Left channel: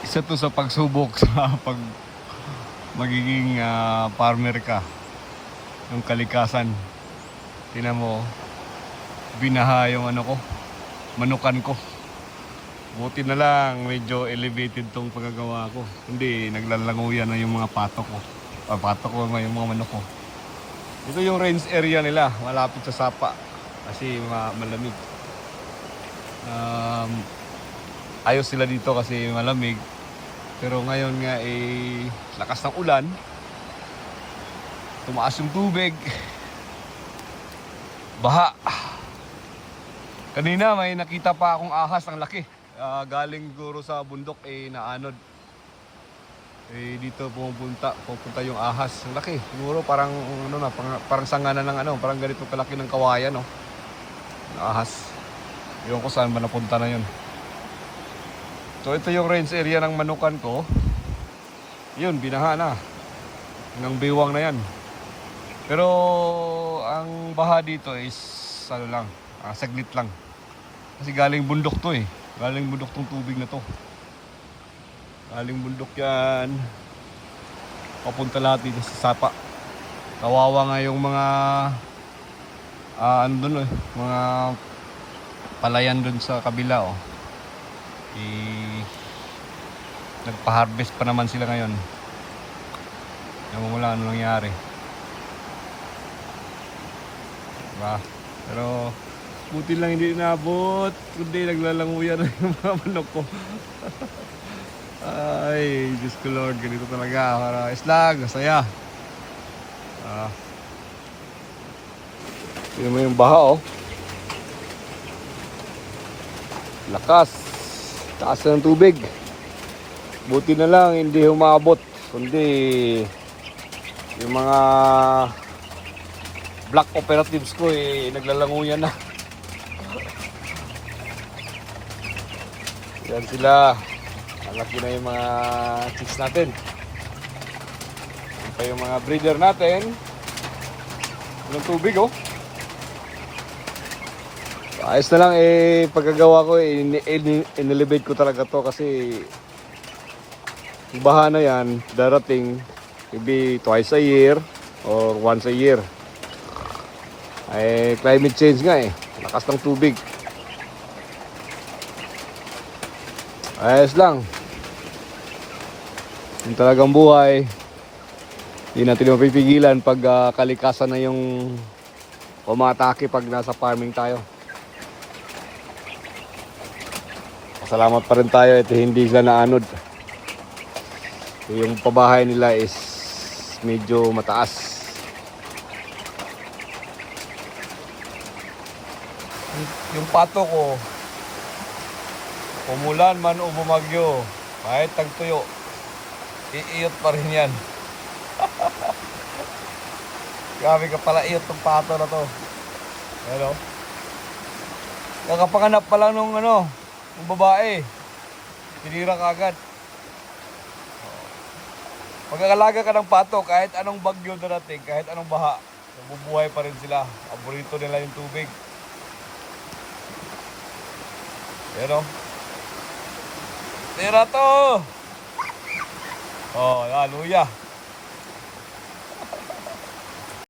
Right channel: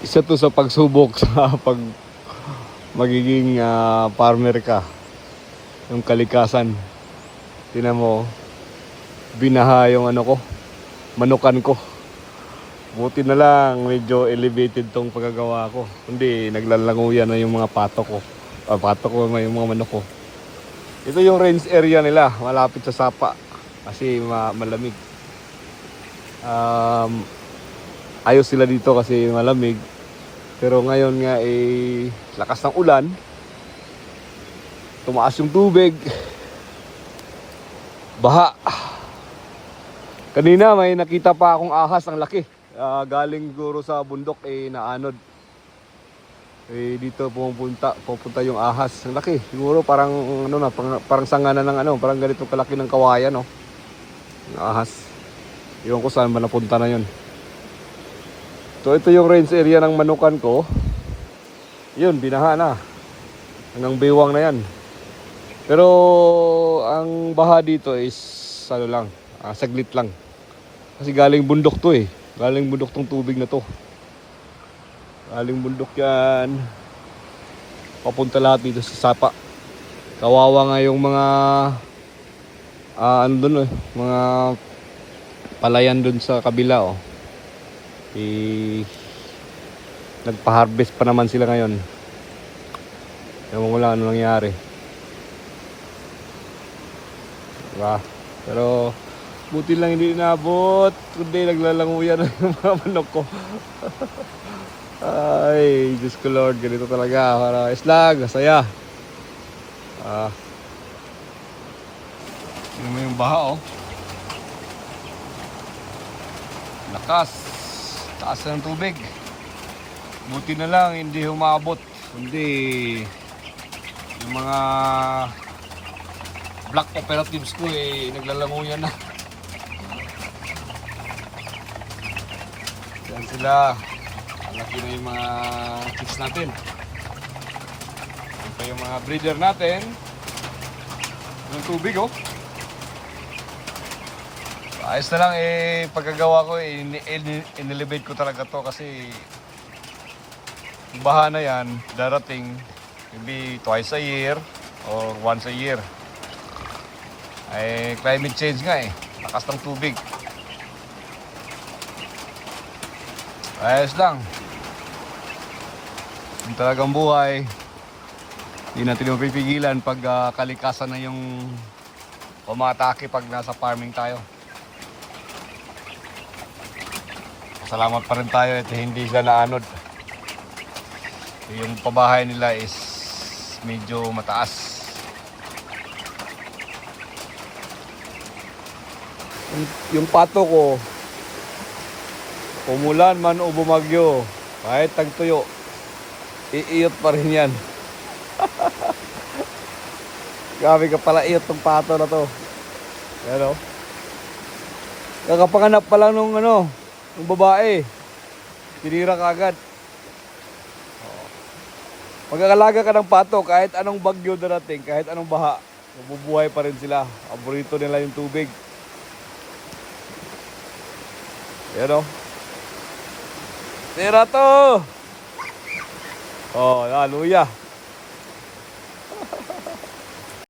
Isa to sa pagsubok sa pag magiging farmer ka. Ang kalikasan. Tingnan mo, binaha yung ano ko, manukan ko. Buti na lang medyo elevated tong pagkagawa ko. Hindi, naglalanguyan na yung mga pato ko. Pato ko, may mga manok ko. Ito yung range area nila, malapit sa sapa. Kasi malamig. Ayos sila dito kasi malamig. Pero ngayon nga lakas ng ulan. Tumaas yung tubig. Baha. Kanina may nakita pa akong ahas, ang laki. Galing siguro sa bundok naanod. Dito pupunta yung ahas. Ang laki. Siguro parang parang sanga na ng parang ganito kalaki ng kawayan, no. Yung ahas. Ewan ko saan ba napunta na yun. So ito yung range area ng manukan ko. Yun, binaha na. Hanggang biwang na yan. Pero ang baha dito is saglit lang. Kasi galing bundok to Galing bundok tong tubig na to. Galing bundok yan. Papunta lahat dito sa sapa. Kawawa nga yung mga mga palayan dun sa kabila, nagpa-harvest pa naman sila ngayon. Wala ano nangyari. Pero buti lang hindi inabot. Hindi, naglalanguyan yung mga manok ko. Ay, Diyos ko Lord, ganito talaga. Para islang, masaya. Tingnan mo yung baha, lakas. Taas ng tubig. Buti na lang hindi humabot. Kundi yung mga black operatives ko naglalanguyan na. Yan sila. Laki na yung mga chicks natin. Yan pa yung mga breeder natin. Yung tubig, ayos na lang pagkagawa ko in-elevate ko talaga to kasi yung baha na yan darating maybe twice a year or once a year. Climate change nga lakas ng tubig. Ayos lang. Yung talagang buhay, hindi natin mapipigilan pag kalikasan na yung umatake pag nasa farming tayo. Salamat pa rin tayo at hindi sila naanod. Yung pabahay nila is medyo mataas. Yung pato ko, umulan man o bumagyo, kahit tagtuyo, iiyot pa rin yan. Grabe ka pala, iyot ng pato na to. Pero nakapanganap pa lang nung ng babae, tinira ka agad. Magkakalaga ka ng pato, kahit anong bagyo darating, kahit anong baha, bubuhay pa rin sila. Paborito nila yung tubig. Pero tira to! Luya.